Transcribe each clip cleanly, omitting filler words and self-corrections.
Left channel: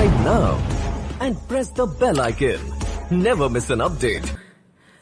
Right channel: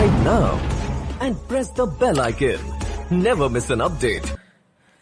subscribe now and press the bell icon. Never miss an update.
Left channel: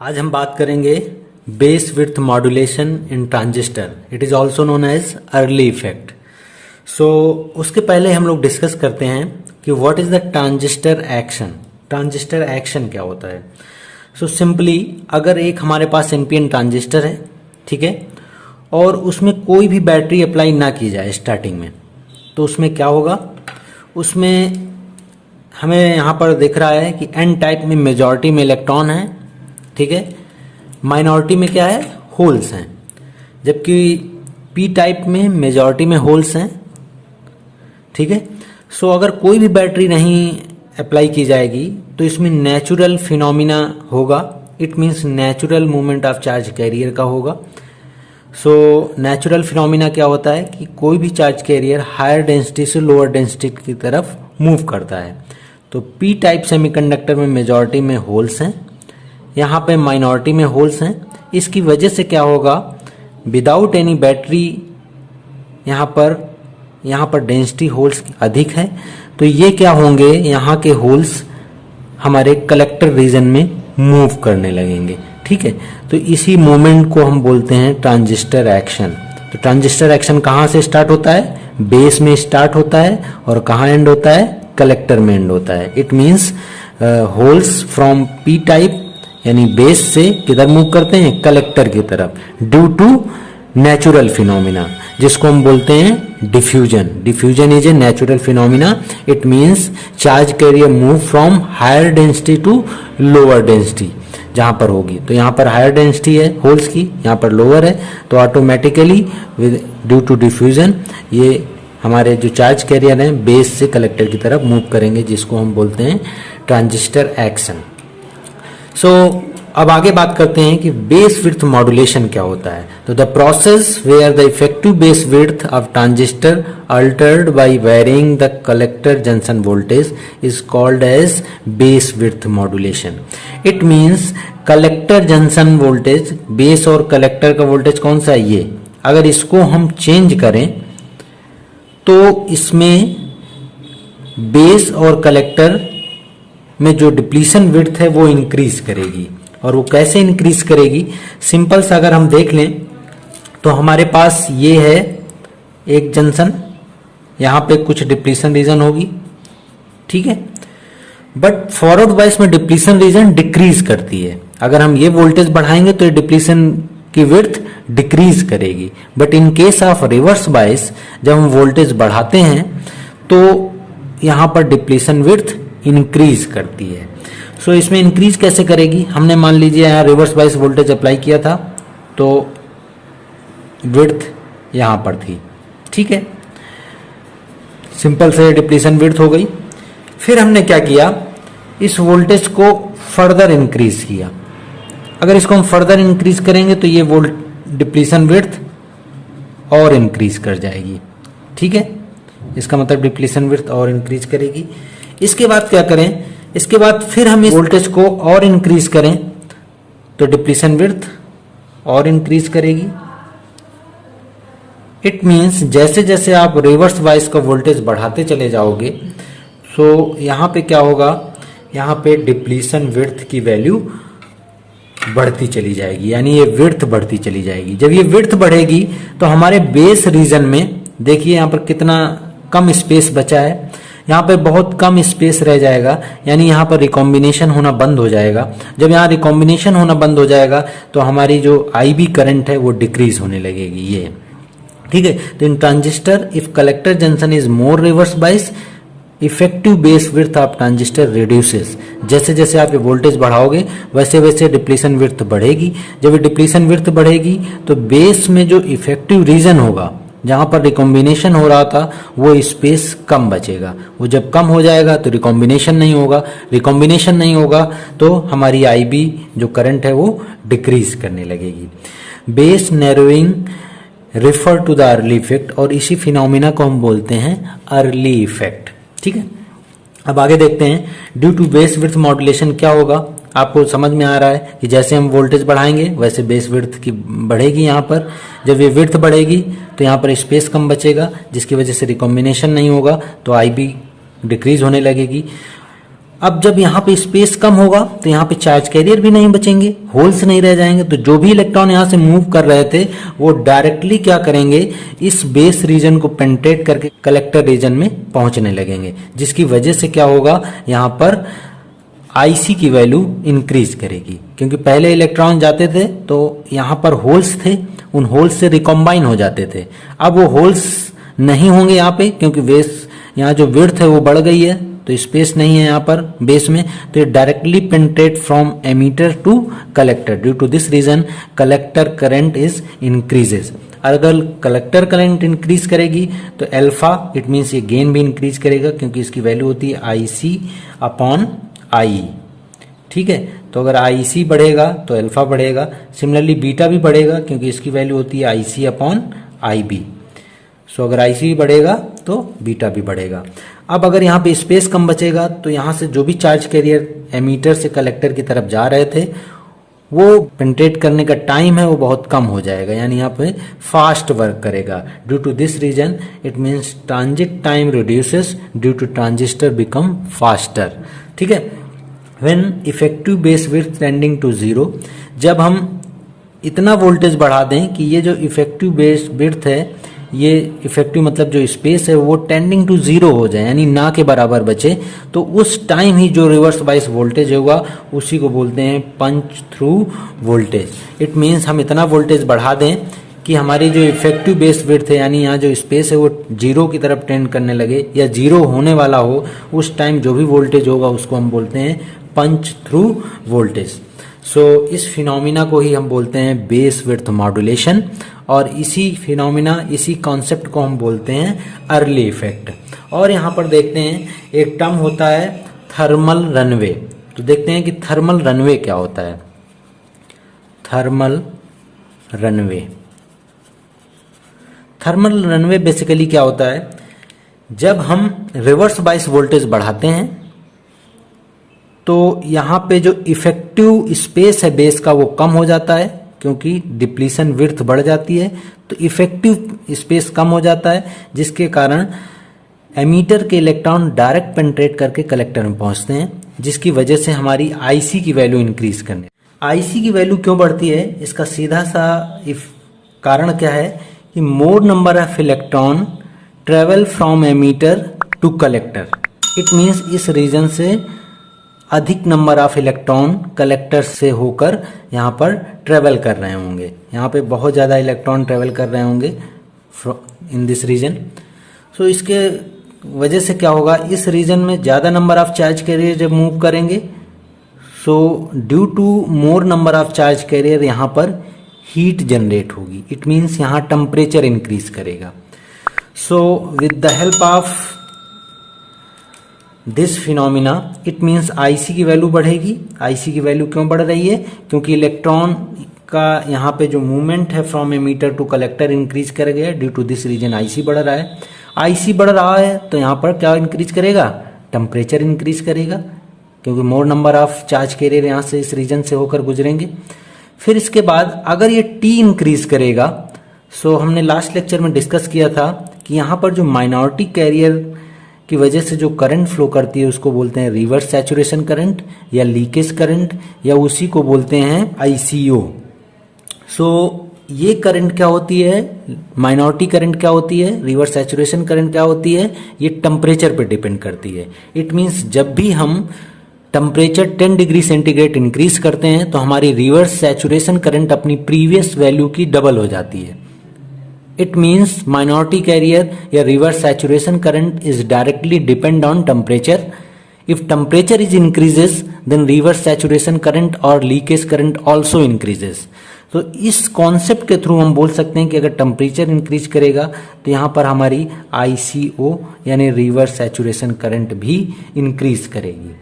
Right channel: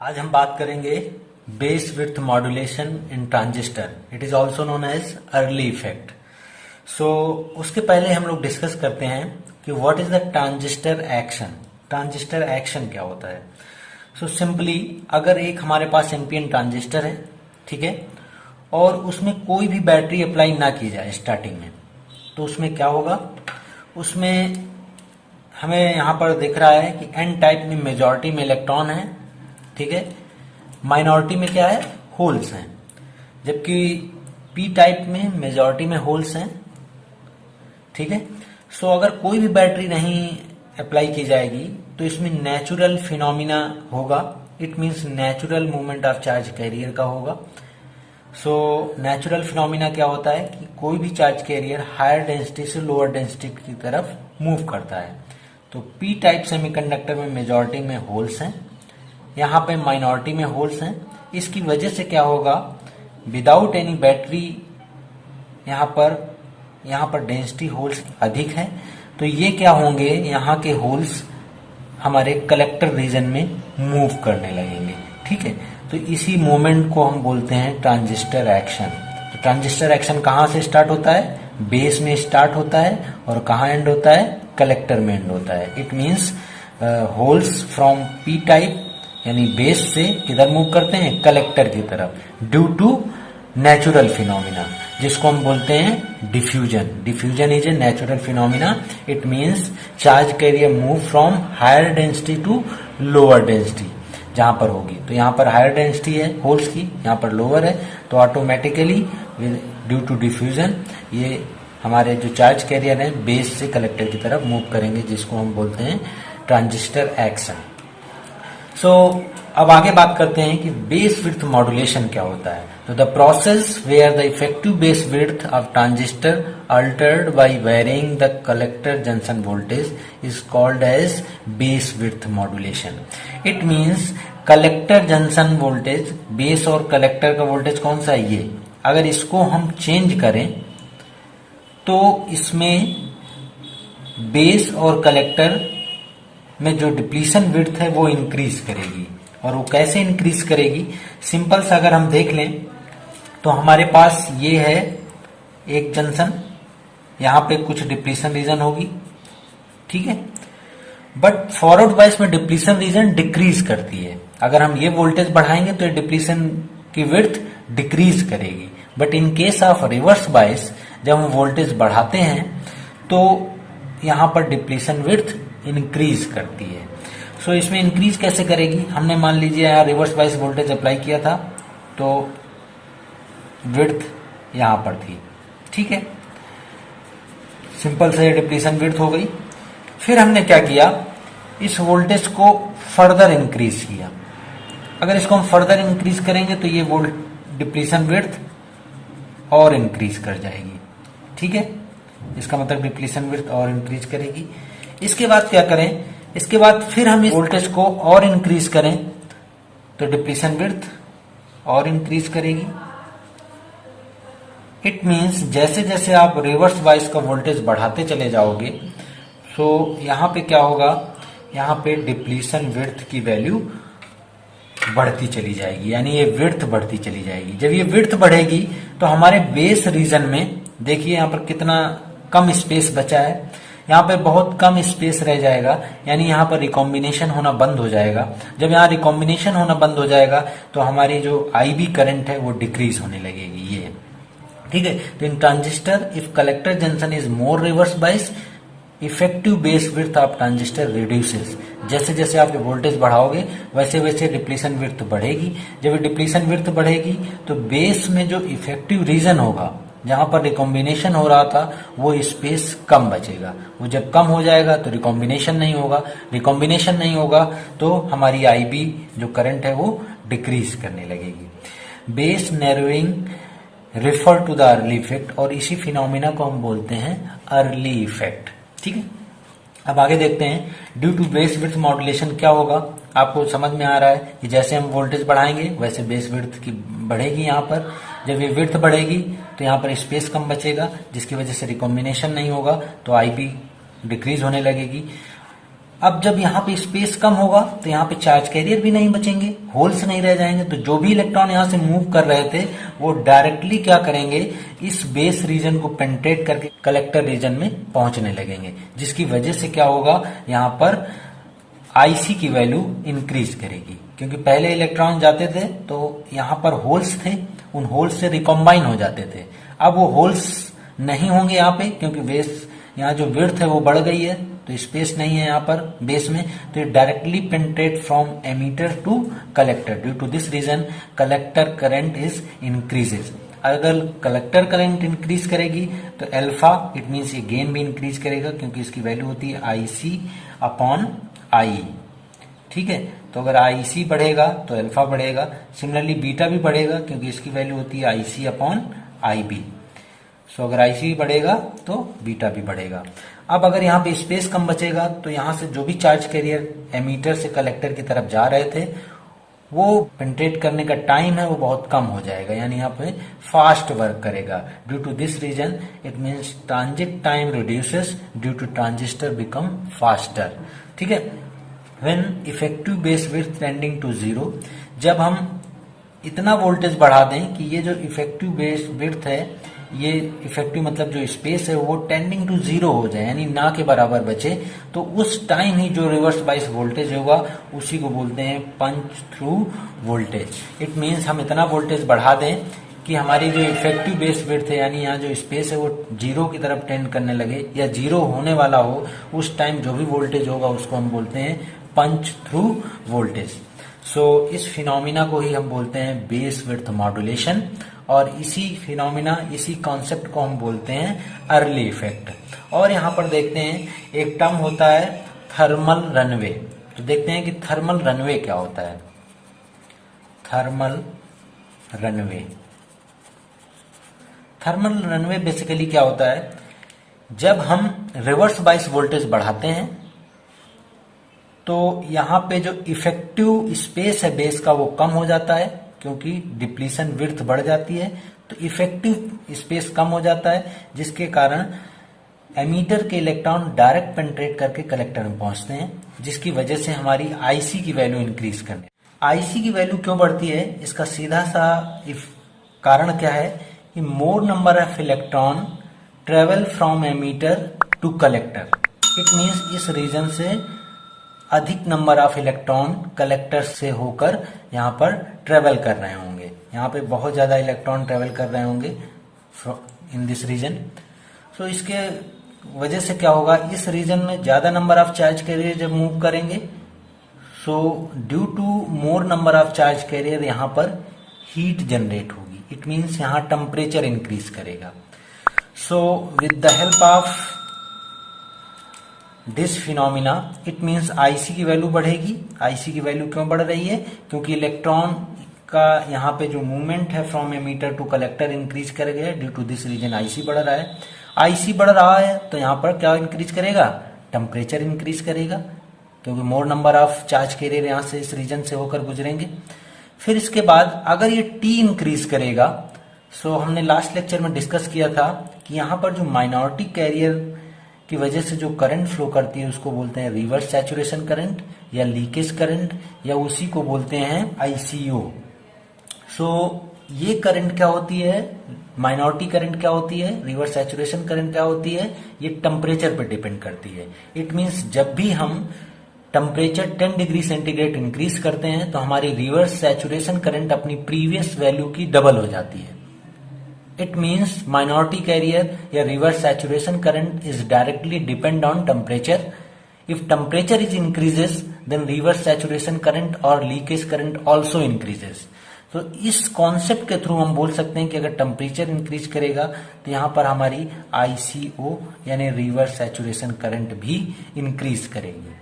आज हम बात करेंगे base width modulation in transistor. It is also known as Early effect. So उसके पहले हम लोग डिस्कस करते हैं कि what is the transistor action. Transistor action क्या होता है. सो सिंपली अगर एक हमारे पास एनपीएन ट्रांजिस्टर है, ठीक है, और उसमें कोई भी बैटरी अप्लाई ना की जाए स्टार्टिंग में, तो उसमें क्या होगा. उसमें हमें यहाँ पर दिख रहा है कि एन टाइप में मेजॉरिटी में इलेक्ट्रॉन है, ठीक है, माइनॉरिटी में क्या है, होल्स हैं, जबकि पी टाइप में मेजॉरिटी में होल्स हैं, ठीक है. सो अगर कोई भी बैटरी नहीं अप्लाई की जाएगी तो इसमें नेचुरल फिनोमिना होगा. It means natural movement of charge career का होगा. सो नेचुरल फिनोमिना क्या होता है कि कोई भी चार्ज कैरियर हायर डेंसिटी से लोअर डेंसिटी की तरफ मूव करता है. तो पी टाइप सेमीकंडक्टर में मेजॉरिटी में होल्स हैं, यहाँ पे माइनॉरिटी में होल्स हैं. इसकी वजह से क्या होगा, विदाउट एनी बैटरी यहाँ पर डेंसिटी होल्स अधिक है, तो ये क्या होंगे, यहाँ के होल्स हमारे कलेक्टर रीजन में मूव करने लगेंगे, ठीक है. तो इसी मोमेंट को हम बोलते हैं ट्रांजिस्टर एक्शन. तो ट्रांजिस्टर एक्शन कहाँ से स्टार्ट होता है, बेस में स्टार्ट होता है, और कहाँ एंड होता है, कलेक्टर में एंड होता है. It means holes from P type यानी बेस से किधर मूव करते हैं, कलेक्टर की तरफ, ड्यू टू नेचुरल फिनोमिना, जिसको हम बोलते हैं diffusion. Diffusion is a natural phenomena. It means charge carrier move from higher density to lower density जहां पर होगी. तो यहाँ पर हायर डेंसिटी है होल्स की, यहाँ पर लोअर है, तो ऑटोमेटिकली ड्यू टू डिफ्यूजन ये हमारे जो चार्ज कैरियर हैं बेस से कलेक्टर की तरफ मूव करेंगे, जिसको हम बोलते हैं ट्रांजिस्टर एक्शन. सो अब आगे बात करते हैं कि बेस विड्थ मॉड्यूलेशन क्या होता है. तो the process where the effective base width of transistor altered by varying the collector junction voltage is called as base width modulation. It means collector junction voltage, base और collector का voltage कौन सा है, ये अगर इसको हम चेंज करें तो इसमें बेस और कलेक्टर में जो डिप्लीशन विड्थ है वो इंक्रीज करेगी. और वो कैसे इंक्रीज करेगी, सिंपल सा अगर हम देख लें तो हमारे पास ये है एक जंक्शन, यहां पे कुछ डिप्लीशन रीजन होगी, ठीक है, बट फॉरवर्ड वाइज में डिप्लीशन रीजन डिक्रीज करती है. अगर हम ये वोल्टेज बढ़ाएंगे तो ये डिप्लीशन की विड्थ डिक्रीज करेगी. But in case of reverse bias जब हम वोल्टेज बढ़ाते हैं तो यहां पर डिप्लीशन विड्थ इंक्रीज करती है. सो इसमें इंक्रीज कैसे करेगी, हमने मान लीजिए यहाँ रिवर्स बायस वोल्टेज अप्लाई किया था तो विड्थ यहां पर थी, ठीक है, सिंपल से डिप्लीशन विड्थ हो गई. फिर हमने क्या किया, इस वोल्टेज को फर्दर इंक्रीज किया. अगर इसको हम फर्दर इंक्रीज करेंगे तो ये डिप्लीशन विड्थ और इंक्रीज कर जाएगी, ठीक है. इसका मतलब डिप्लीशन विड्थ और इंक्रीज करेगी. इसके बाद क्या करें, इसके बाद फिर हम इस वोल्टेज को और इंक्रीज करें तो डिप्लीशन विड्थ और इंक्रीज करेगी. इट मींस जैसे जैसे आप रिवर्स बायस का वोल्टेज बढ़ाते चले जाओगे तो यहां पे क्या होगा, यहां पे डिप्लीशन विड्थ की वैल्यू बढ़ती चली जाएगी, यानी ये विड्थ बढ़ती चली जाएगी. जब ये विड्थ बढ़ेगी तो हमारे बेस रीजन में देखिए यहां पर कितना कम स्पेस बचा है, यहाँ पे बहुत कम स्पेस रह जाएगा, यानी यहाँ पर रिकॉम्बिनेशन होना बंद हो जाएगा. जब यहाँ रिकॉम्बिनेशन होना बंद हो जाएगा तो हमारी जो आईबी करंट है वो डिक्रीज होने लगेगी, ये ठीक है. तो in transistor if collector junction is more reverse bias effective base width of transistor reduces. जैसे जैसे आप वोल्टेज बढ़ाओगे वैसे वैसे डिप्लीशन विड्थ बढ़ेगी. जब डिप्लीशन विड्थ बढ़ेगी तो बेस में जो इफेक्टिव रीजन होगा जहां पर रिकॉम्बिनेशन हो रहा था वो स्पेस कम बचेगा. वो जब कम हो जाएगा तो रिकॉम्बिनेशन नहीं होगा, रिकॉम्बिनेशन नहीं होगा तो हमारी आईबी जो करंट है वो डिक्रीज करने लगेगी. Base narrowing refer to the Early effect, और इसी फिनोमिना को हम बोलते हैं अर्ली इफेक्ट, ठीक है. अब आगे देखते हैं due to base width modulation क्या होगा. आपको समझ में आ रहा है कि जैसे हम वोल्टेज बढ़ाएंगे वैसे बेस विड्थ की बढ़ेगी. यहाँ पर जब ये विड्थ बढ़ेगी तो यहाँ पर स्पेस कम बचेगा, जिसकी वजह से रिकॉम्बिनेशन नहीं होगा, तो आईबी डिक्रीज होने लगेगी। अब जब यहाँ पे स्पेस कम होगा तो यहाँ पे चार्ज कैरियर भी नहीं बचेंगे, होल्स नहीं रह जाएंगे, तो जो भी इलेक्ट्रॉन यहाँ से मूव कर रहे थे वो डायरेक्टली क्या करेंगे, इस बेस रीजन को पेनिट्रेट करके कलेक्टर रीजन में पहुंचने लगेंगे, जिसकी वजह से क्या होगा, यहाँ पर आईसी की वैल्यू इंक्रीज करेगी। क्योंकि पहले इलेक्ट्रॉन जाते थे तो यहाँ पर होल्स थे, उन होल्स से रिकॉम्बाइन हो जाते थे। अब वो होल्स नहीं होंगे यहाँ पे, क्योंकि बेस यहाँ जो विड्थ है वो बढ़ गई है, तो स्पेस नहीं है यहाँ पर बेस में, तो ये directly penetrate from emitter to collector. Due to this reason collector current is increases. अगर कलेक्टर करंट इंक्रीज करेगी तो अल्फा, इट मीन्स ये गेन भी इंक्रीज करेगा, क्योंकि इसकी वैल्यू होती है आईसी अपॉन आई। ठीक है, तो अगर आईसी बढ़ेगा तो अल्फा बढ़ेगा। सिमिलरली बीटा भी बढ़ेगा, क्योंकि इसकी वैल्यू होती है आईसी अपॉन आई बी। सो अगर आईसी बढ़ेगा तो बीटा भी बढ़ेगा। अब अगर यहाँ पे स्पेस कम बचेगा तो यहाँ से जो भी चार्ज कैरियर एमीटर से कलेक्टर की तरफ जा रहे थे वो पेनिट्रेट करने का टाइम है वो बहुत कम हो जाएगा, यानी यहाँ पे फास्ट वर्क करेगा। Due to this reason it means transit time reduces due to transistor become faster. ठीक है, when effective base width tending to zero, जब हम इतना वोल्टेज बढ़ा दें कि ये जो इफेक्टिव बेस विड्थ है, ये इफेक्टिव मतलब जो स्पेस है वो टेंडिंग टू जीरो हो जाए, यानी ना के बराबर बचे, तो उस टाइम ही जो रिवर्स बाइस वोल्टेज होगा उसी को बोलते हैं पंच थ्रू वोल्टेज। इट मीन्स हम इतना वोल्टेज बढ़ा दें कि हमारी जो इफेक्टिव बेस विड्थ है, यानी यहाँ जो स्पेस है वो जीरो की तरफ टेंड करने लगे या जीरो होने वाला हो, उस टाइम जो भी वोल्टेज होगा उसको हम बोलते हैं पंच थ्रू वोल्टेज। सो इस फिनोमिना को ही हम बोलते हैं बेस विड्थ मॉड्यूलेशन, और इसी फिनोमिना, इसी कॉन्सेप्ट को हम बोलते हैं अर्ली इफेक्ट। और यहाँ पर देखते हैं एक टर्म होता है थर्मल रनवे। तो देखते हैं कि थर्मल रनवे क्या होता है। Thermal runway, thermal runway basically क्या होता है, जब हम रिवर्स बाइस वोल्टेज बढ़ाते हैं तो यहाँ पे जो इफेक्टिव स्पेस है बेस का वो कम हो जाता है, क्योंकि डिप्लीशन विड्थ बढ़ जाती है, तो इफेक्टिव स्पेस कम हो जाता है, जिसके कारण एमीटर के इलेक्ट्रॉन डायरेक्ट पेनिट्रेट करके कलेक्टर में पहुंचते हैं, जिसकी वजह से हमारी आईसी की वैल्यू इंक्रीज करने। आईसी की वैल्यू क्यों बढ़ती है, इसका सीधा सा कारण क्या है कि more number of electron travel from emitter to collector. It means इस रीजन से अधिक नंबर ऑफ इलेक्ट्रॉन कलेक्टर से होकर यहाँ पर ट्रेवल कर रहे होंगे। यहाँ पे बहुत ज़्यादा इलेक्ट्रॉन ट्रेवल कर रहे होंगे इन दिस रीजन। सो इसके वजह से क्या होगा, इस रीजन में ज़्यादा नंबर ऑफ चार्ज कैरियर जब मूव करेंगे, so due to more number of charge carrier यहाँ पर हीट जनरेट होगी। इट मीन्स यहाँ टेम्परेचर इंक्रीज करेगा। So with the help of this phenomena it means IC की वैल्यू बढ़ेगी। आईसी की वैल्यू क्यों बढ़ रही है, क्योंकि इलेक्ट्रॉन का यहाँ पे जो मूवमेंट है from emitter to collector increase कर गया। Due to this reason IC बढ़ रहा है। आईसी बढ़ रहा है तो यहाँ पर क्या इंक्रीज करेगा, टेम्परेचर इंक्रीज करेगा, क्योंकि मोर नंबर ऑफ चार्ज कैरियर यहाँ से इस रीजन से होकर गुजरेंगे। फिर इसके बाद अगर ये टी इंक्रीज करेगा, सो हमने लास्ट लेक्चर में डिस्कस किया था कि यहाँ पर जो माइनॉरिटी कैरियर की वजह से जो करंट फ्लो करती है उसको बोलते हैं रिवर्स सैचुरेशन करंट या लीकेज करंट, या उसी को बोलते हैं आईसीओ। सो ये करंट क्या होती है, माइनॉरिटी करंट क्या होती है, रिवर्स सैचुरेशन करंट क्या होती है, ये टेम्परेचर पे डिपेंड करती है। इट मीन्स जब भी हम टेम्परेचर 10 डिग्री सेंटीग्रेड इंक्रीज करते हैं तो हमारी रिवर्स सैचुरेशन करंट अपनी प्रीवियस वैल्यू की डबल हो जाती है। It means minority carrier या reverse saturation current is directly depend on temperature. If temperature is increases, then reverse saturation current or leakage current also increases. तो इस concept के through हम बोल सकते हैं कि अगर टेम्परेचर इंक्रीज करेगा तो यहाँ पर हमारी ICO यानी रिवर्स सैचुरेशन करंट भी इंक्रीज करेगी।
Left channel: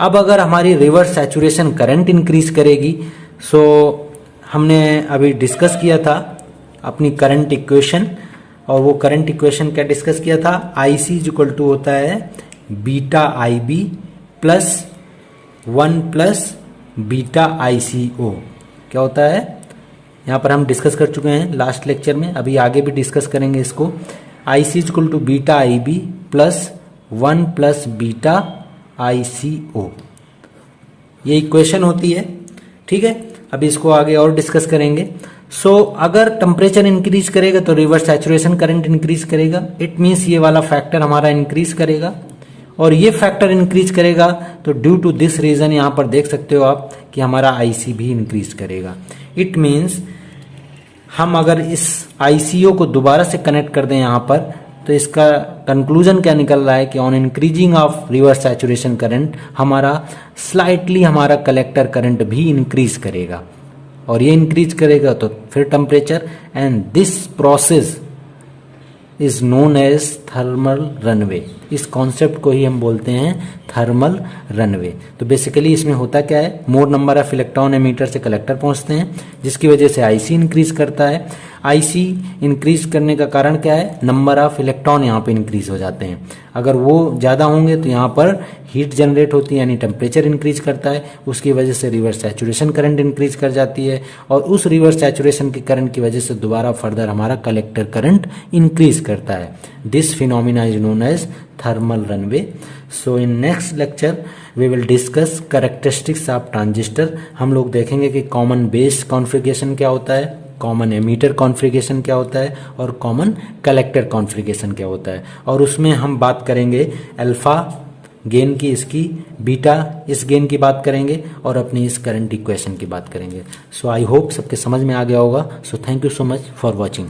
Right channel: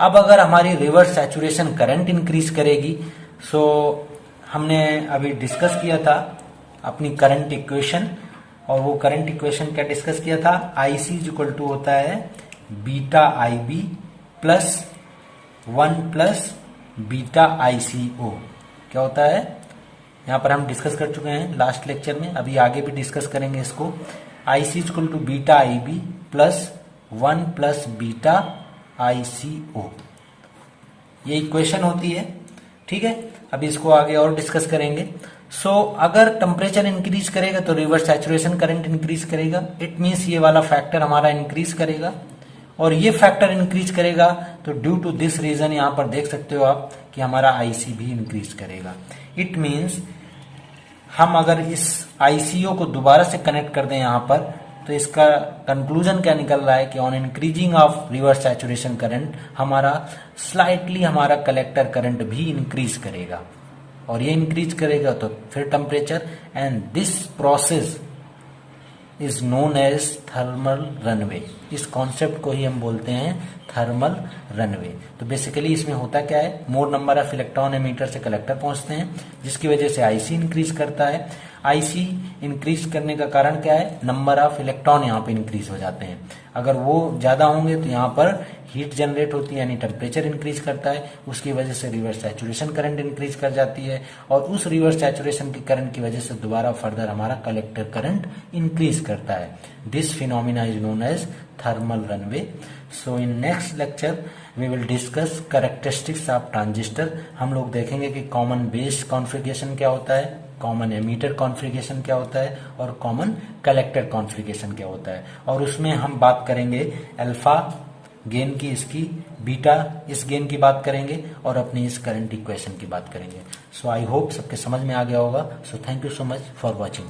अब अगर हमारी रिवर्स सैचुरेशन करंट इंक्रीज करेगी, सो हमने अभी डिस्कस किया था अपनी करंट इक्वेशन, और वो करंट इक्वेशन क्या डिस्कस किया था, आईसी इक्वल टू होता है beta I B plus 1 plus beta ICO. क्या होता है, यहाँ पर हम डिस्कस कर चुके हैं लास्ट लेक्चर में, अभी आगे भी डिस्कस करेंगे इसको। IC equal to beta I B plus 1 plus beta ICO, ये इक्वेशन होती है। ठीक है, अभी इसको आगे और डिस्कस करेंगे। सो अगर टेम्परेचर इंक्रीज करेगा तो रिवर्स सैचुरेशन करंट इंक्रीज करेगा, इट मीन्स ये वाला फैक्टर हमारा इंक्रीज करेगा, और ये फैक्टर इंक्रीज करेगा तो ड्यू टू दिस रीजन यहां पर देख सकते हो आप कि हमारा IC भी इंक्रीज करेगा। इट मीन्स हम अगर इस ICO को दोबारा से कनेक्ट कर दें यहां पर, तो इसका कंक्लूजन क्या निकल रहा है कि on increasing of reverse saturation current हमारा स्लाइटली हमारा कलेक्टर करंट भी इंक्रीज करेगा, और ये इंक्रीज करेगा तो फिर temperature, and this process is known as thermal runaway. इस कॉन्सेप्ट को ही हम बोलते हैं थर्मल रनवे। तो बेसिकली इसमें होता क्या है, more number of electron emitter से कलेक्टर पहुंचते हैं, जिसकी वजह से IC इंक्रीज करता है। IC इंक्रीज करने का कारण क्या है, नंबर ऑफ इलेक्ट्रॉन यहाँ पे इंक्रीज हो जाते हैं। अगर वो ज्यादा होंगे तो यहाँ पर हीट जनरेट होती है, यानी टेम्परेचर इंक्रीज करता है, उसकी वजह से रिवर्स सैचुरेशन करंट इंक्रीज कर जाती है, और उस रिवर्स सैचुरेशन की करंट की वजह से दोबारा फर्दर हमारा कलेक्टर करंट इंक्रीज करता है। This phenomena is known as thermal runaway. So in next lecture we will discuss characteristics of transistor. हम लोग देखेंगे कि कॉमन बेस कॉन्फ़िगरेशन क्या होता है, कॉमन एमीटर कॉन्फ़िगरेशन क्या होता है, और कॉमन कलेक्टर कॉन्फ़िगरेशन क्या होता है, और उसमें हम बात करेंगे अल्फा गेन की, इसकी बीटा इस गेन की बात करेंगे, और अपनी इस करंट इक्वेशन की बात करेंगे। सो आई होप सबके समझ में आ गया होगा। So thank you so much for watching.